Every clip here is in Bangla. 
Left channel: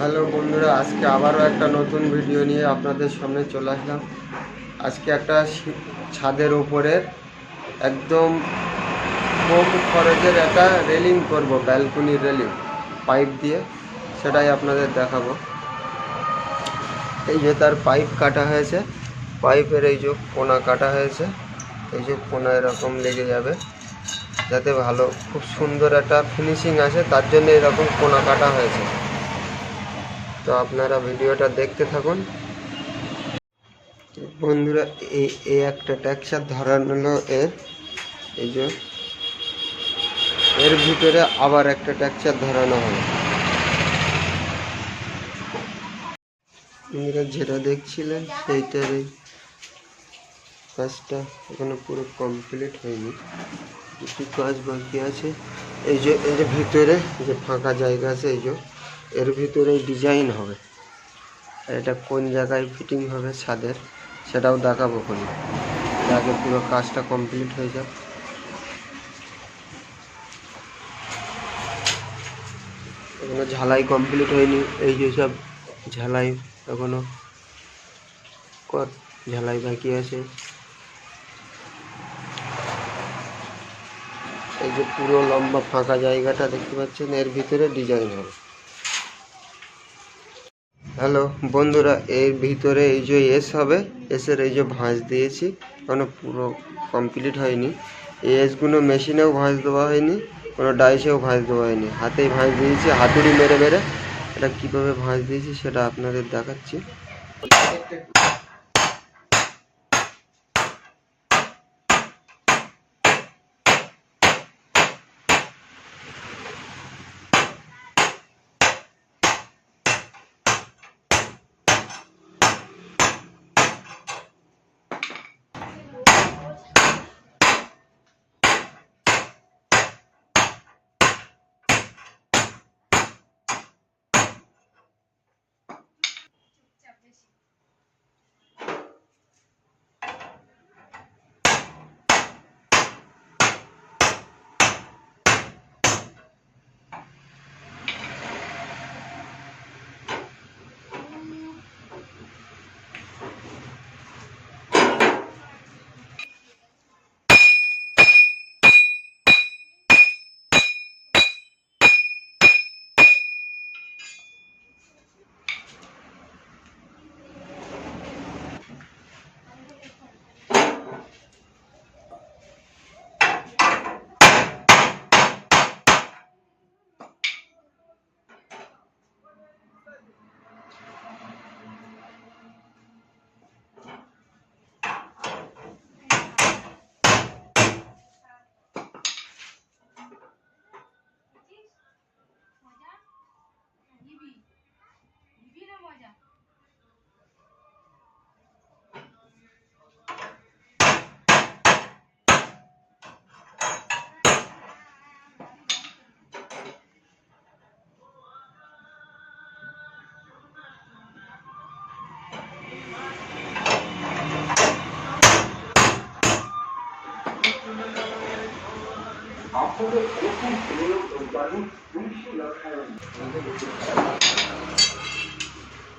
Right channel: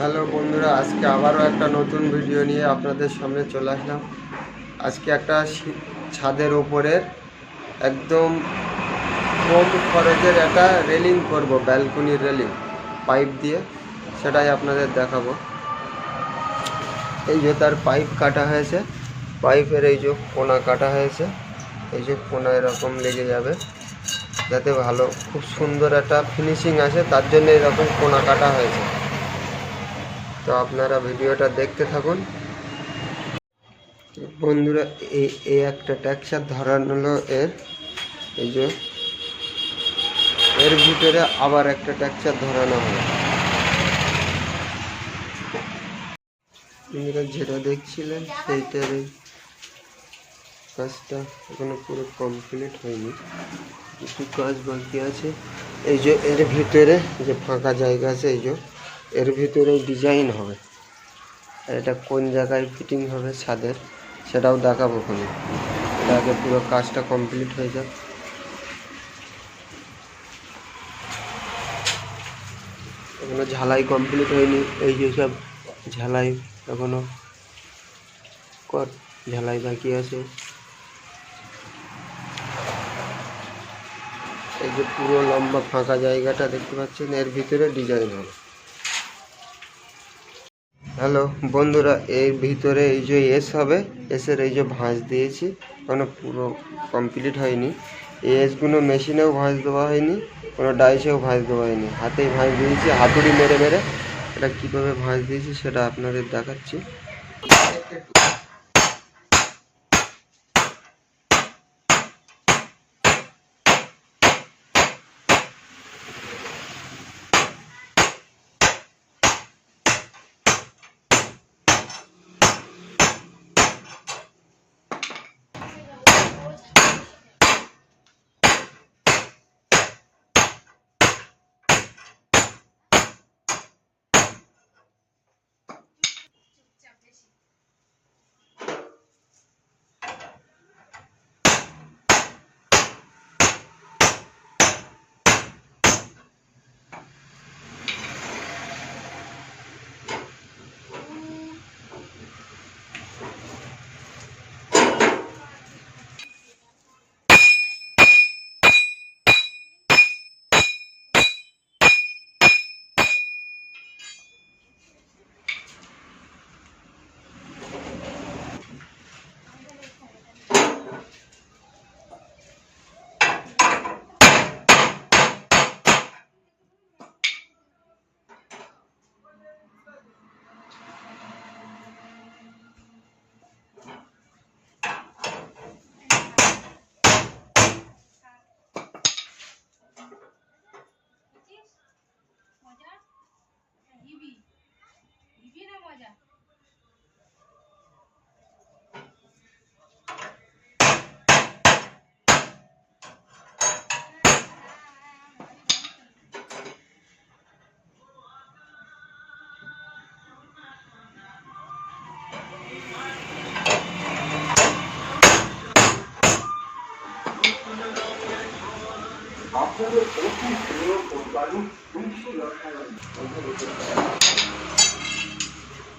হ্যালো বন্ধুরা, আজকে আবারও একটা নতুন ভিডিও নিয়ে আপনাদের সামনে চলে আসলাম। আজকে একটা ছাদের ওপরের একদম কম খরচের একটা রেলিং করব, ব্যালকনির রেলিং পাইপ দিয়ে, সেটাই আপনাদের দেখাবো। এই যে তার পাইপ কাটা হয়েছে, পাইপের এই যে কোনা কাটা হয়েছে, এই যে কোনা এরকম লেগে যাবে যাতে ভালো খুব সুন্দর একটা ফিনিশিং আসে, তার জন্য এরকম কোনা কাটা হয়েছে। তো আপনারা ভিডিওটা দেখতে থাকুন বন্ধুরা। এই একটা টেক্সচার ধরানো হলো এই যে এর ভিতরে আবার একটা টেক্সচার ধরানো হবে। বন্ধুরা যেটা দেখছিলেন সেইটার এই কাজটা এখনো পুরো কমপ্লিট হয়নি, কিছু কাজ বাকি আছে। এই যে এর ভিতরে যে ফাঁকা জায়গা আছে, এই যে এর ভিতরে ডিজাইন হবে, আর এটা কোন জায়গায় ফিটিং হবে ছাদের সেটাও দেখাবো ওখানে। এটা আগে পুরো কাজটা কমপ্লিট হয়ে যাক। এখনো ঝালাই কমপ্লিট হয়নি, এই যে সব ঝালাই এখনো ঝালাই বাকি আছে। এই যে পুরো লম্বা ফাঁকা জায়গাটা দেখতে পাচ্ছেন, এর ভিতরে ডিজাইন হবে। হ্যালো বন্ধুরা, এর ভিতরে এই যে এস হবে, এসের এই যে ভাঁজ দিয়েছি, এখনো পুরো কমপ্লিট হয়নি। এই এসগুলো মেশিনেও ভাঁজ দেওয়া হয়নি, কোনো ডাইসেও ভাঁজ দেওয়া হয়নি, হাতেই ভাঁজ দিয়েছি, হাতুড়ি মেরে মেরে। এটা কীভাবে ভাঁজ দিয়েছি সেটা আপনাদের দেখাচ্ছি।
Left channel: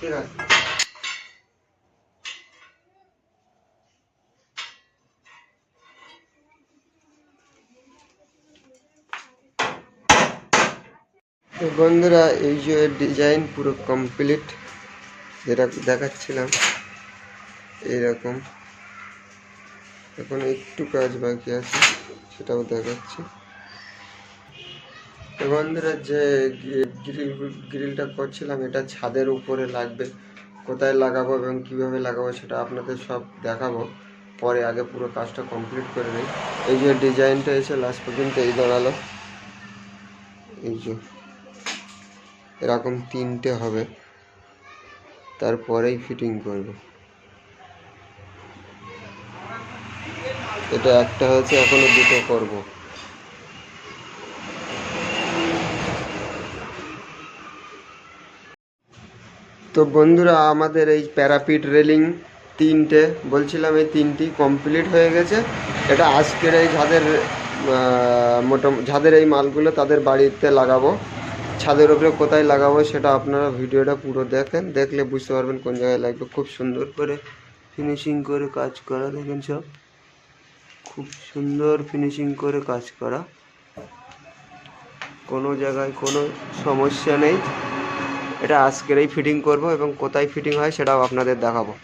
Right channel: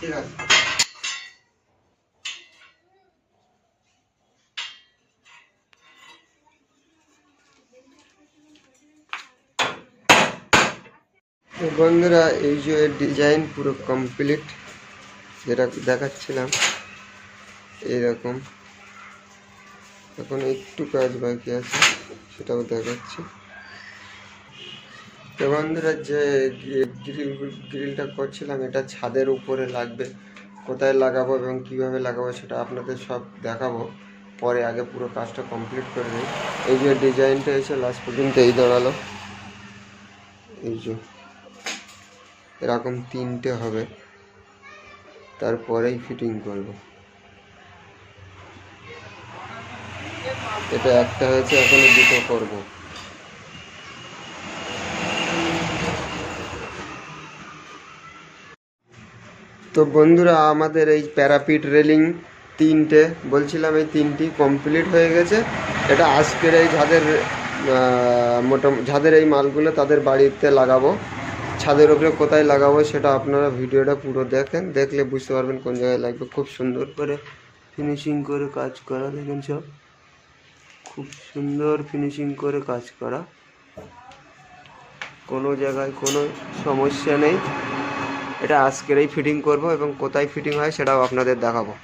ঠিক আছে। তো বন্ধুরা, এই যে ডিজাইন পুরো কমপ্লিট, যেটা দেখাচ্ছিলাম এইরকম। এখন একটু কাজ বাকি আছে, সেটাও দেখাচ্ছি। তো বন্ধুরা, যে গ্রিলটা করছিলাম এটা ছাদের উপরে লাগবে, কোথায় লাগাবো এবং কিভাবে লাগাবো সেটা আপনাদের সব দেখাবো পরে। আগে পুরো কাজটা কমপ্লিট করে নিই। এই যে ডিজাইনটা এসে লাস্ট পর্যন্ত এই দাঁড়ালো, এই যে এরকম তিনটে হবে, তারপরেই ফিটিং করব। এটা একটা হয়েছে, এখনো দুটো করব। তো বন্ধুরা, আমাদের এই প্যারাপিট রেলিং তিনটে বলছিলাম, এই তিনটি কমপ্লিট হয়ে গেছে। এটা আজকের এই ছাদের এই মালগুলো তাদের বাড়িতে লাগাবো। ছাদের উপরে কোথায় লাগাবো সেটা আপনারা ভিডিওটা পুরো দেখেন, দেখলে বুঝতে পারবেন কোন জায়গায় লাগবে। খুব সুন্দর করে ফিনিশিং করে কাজ করা, দেখেন সব খুব সুন্দর ফিনিশিং করে কাজ করা, কোনো জায়গায় কোনো সমস্যা নেই। এটা আজকেরই ফিটিং করব এবং কোথায় ফিটিং হয় সেটাও আপনাদের দেখাবো।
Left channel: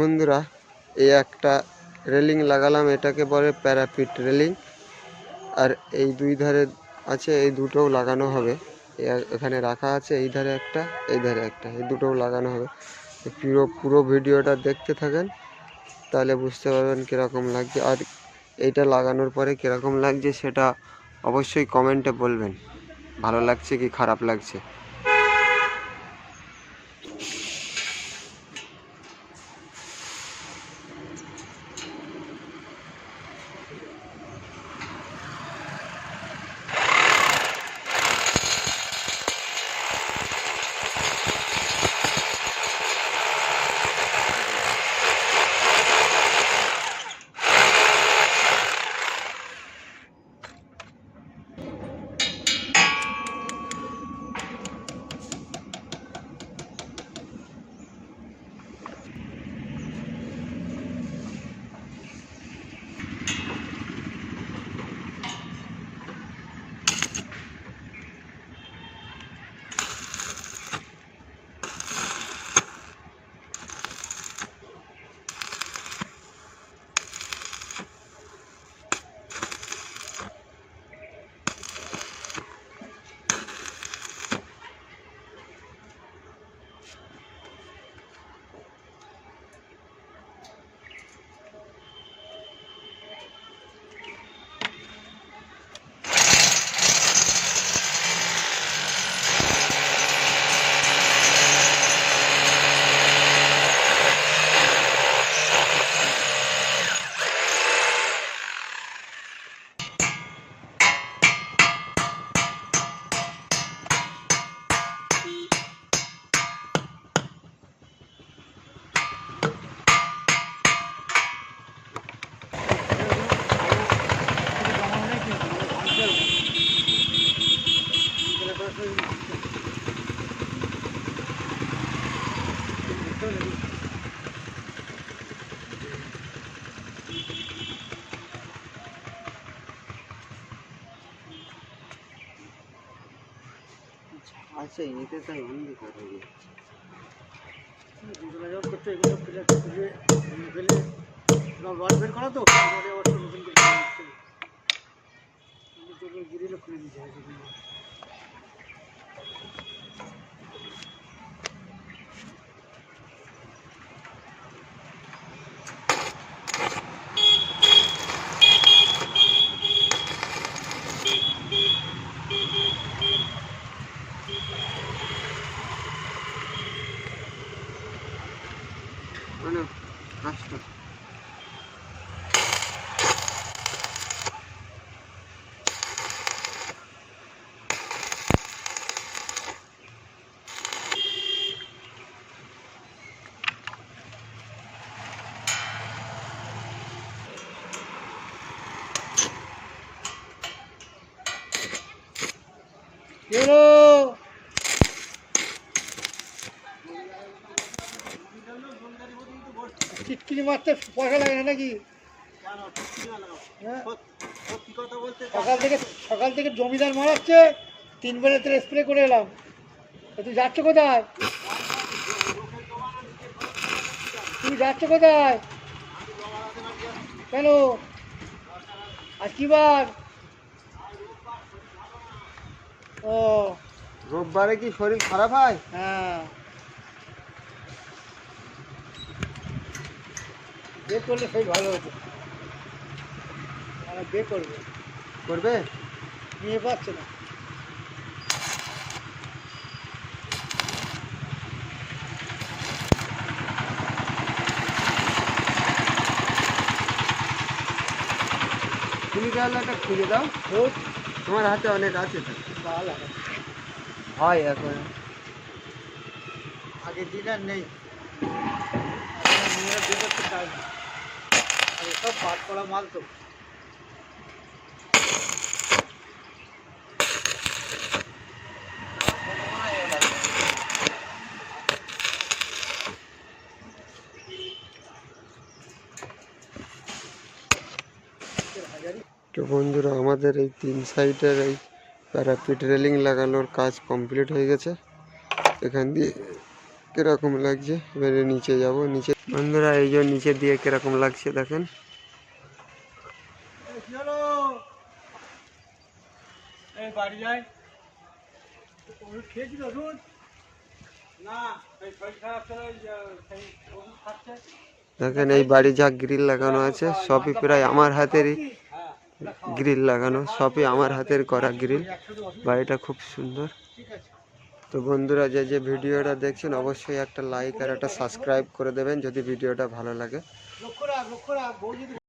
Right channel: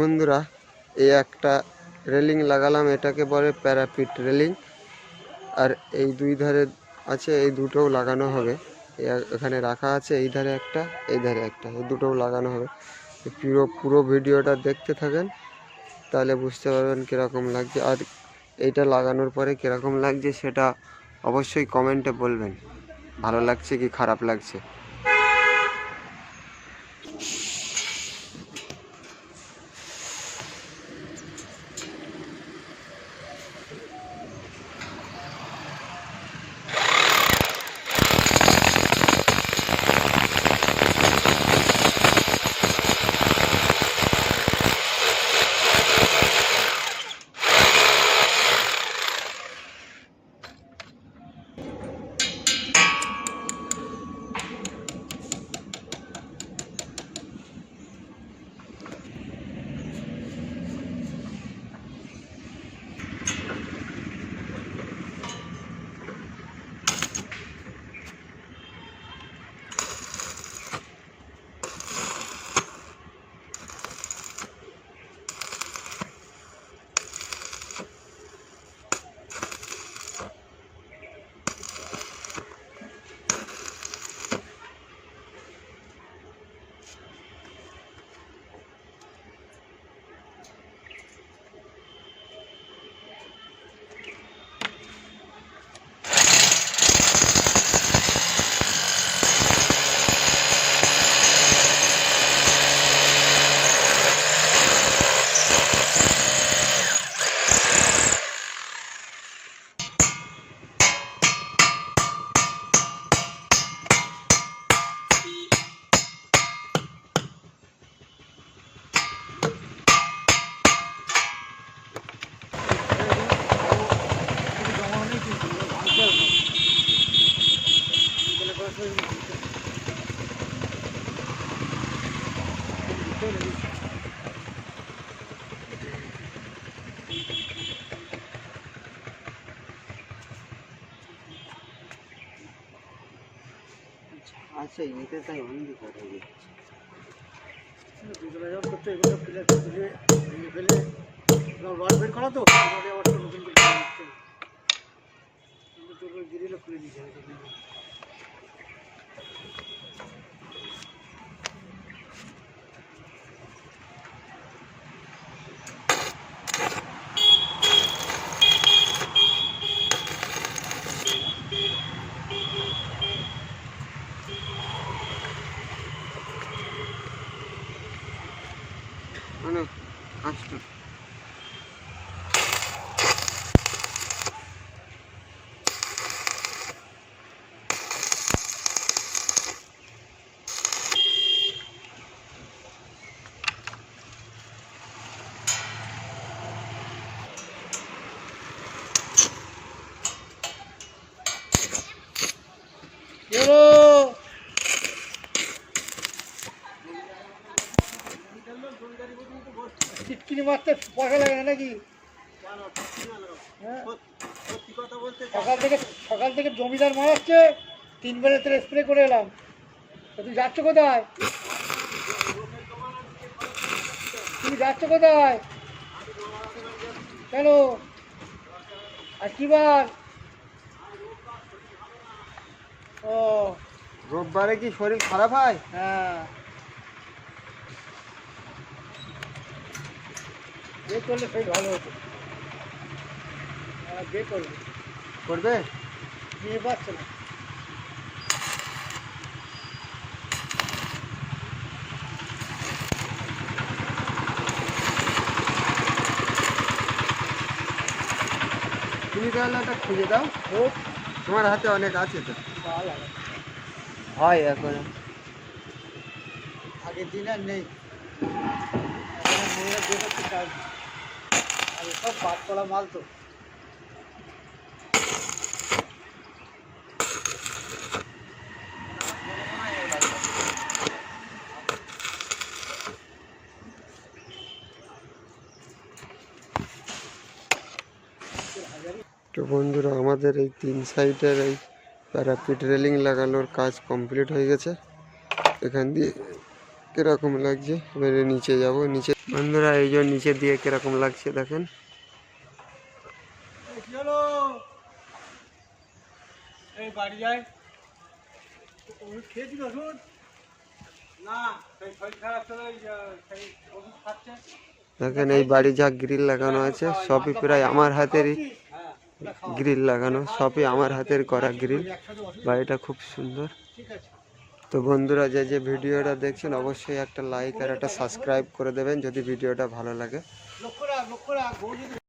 বন্ধুরা, এই একটা রেলিং লাগালাম, এটাকে বলে প্যারাপিট রেলিং। আর এই দুই ধারে আছে, এই দুটোও লাগানো হবে। এখানে রাখা আছে, এই ধারে একটা, এই ধারে একটা, এই দুটোও লাগানো হবে। পুরো ভিডিওটা দেখতে থাকেন, তাহলে বুঝতে পারবেন কীরকম লাগছে। আর এইটা লাগানোর পরে কীরকম লাগছে সেটা অবশ্যই কমেন্টে বলবেন, ভালো লাগছে কি খারাপ লাগছে। আচ্ছা, এতে তাই অন্ধকার হয়ে যাচ্ছে। যোগাযোগ করতে এগুলো ফেলে ফেলে রড বের করা তো নতুন করে গিরিলে খুলে দিতে হয়। চিটকিনি মারতে পয়সা লাগে না নাকি? হ্যাঁ? সকাল থেকে জমিদার মারাচ্ছে, 3 বেলা তেল স্প্রে করে এলাম। তুই যাচ্ছ কোথায়? তুমি যাচ্ছ কোথায়? কেন? আর কি বার? ও রোববারে কি শরীর খারাপ হয়? হ্যাঁ, বে করলে সেই ভালো হতো। বে করবে, করবে? নিয়ে পাচ্ছে না। তুমি তাহলে একটা খুঁজে দাও, খোঁজ তোমার হাতে অনেক আছে তো। তাহলে হয় এখন আগের দিন আর নেই। এখন আর মেয়েরা বে করতে চায় না। আর সব বাদ করা মাল তো। তো বন্ধুরা, আমাদের এই 3 সাইডের এই প্যারাপিট রেলিং লাগানোর কাজ কমপ্লিট হয়ে গেছে। এখান দিয়ে কিরকম লাগছে, এবারে নিচে যাব। নিচে বন্ধুরা, এই যে নিচে দিয়ে কিরকম লাগছে দেখেন। কি হলো? এই বাড়ি যায়। ওষুধ খেয়েছিল ওষুধ? না, সেই শরীর খারাপ তো সেই ওষুধ খাচ্ছে। দেখেন এই বাড়ি যা গ্রিল লাগানো আছে সবই প্রায় আমার হাতেরই হ্যাঁ, গ্রিল লাগানো, সবই আমার হাতের করা গ্রিল। বাড়িটা খুব সুন্দর। ঠিক আছে। তো বন্ধুরা, যে যে ভিডিওটা দেখছেন অবশ্যই একটা লাইক আর একটা সাবস্ক্রাইব করে দেবেন যদি ভিডিওটা ভালো লাগে। লক্ষ্য রাখ, লক্ষ্য রাখ, বউ যদি